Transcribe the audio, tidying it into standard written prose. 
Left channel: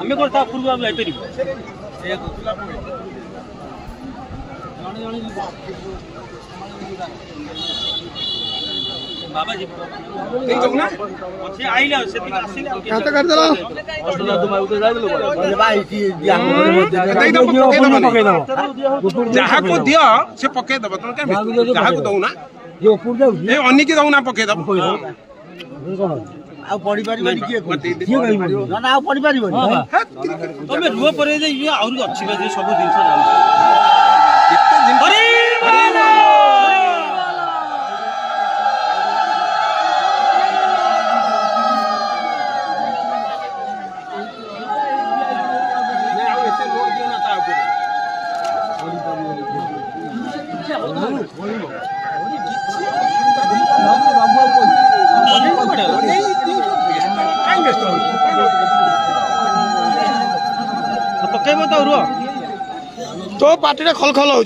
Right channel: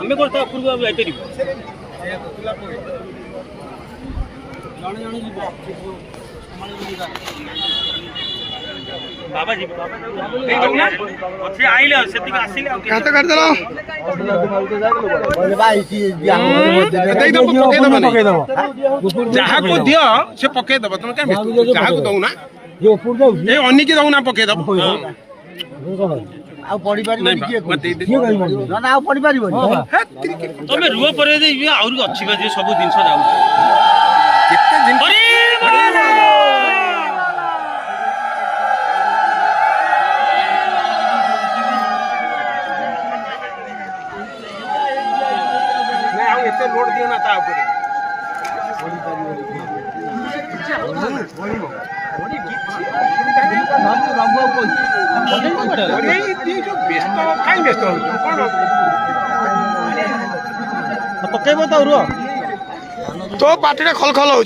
आमे कोन ता पूर्व हम एतरी बाबा जी अच्छे आइले सेति आसिले काट कर देलो जहाँ को दियो से पके दब तुम क्या जहाँ को दऊ ना ये अन्नी की दऊ ना पके दब आ पड़ी पारिबो किए किए कहि पारिबो ना आ पड़ी पारिबो तमे रुह परे जे ये आउर अच्छी बा जे सब दिन जाऊ अरे एते लोड दियो ना ता ऊपर पकेबो तो रुह तो पार्टी खल खल हो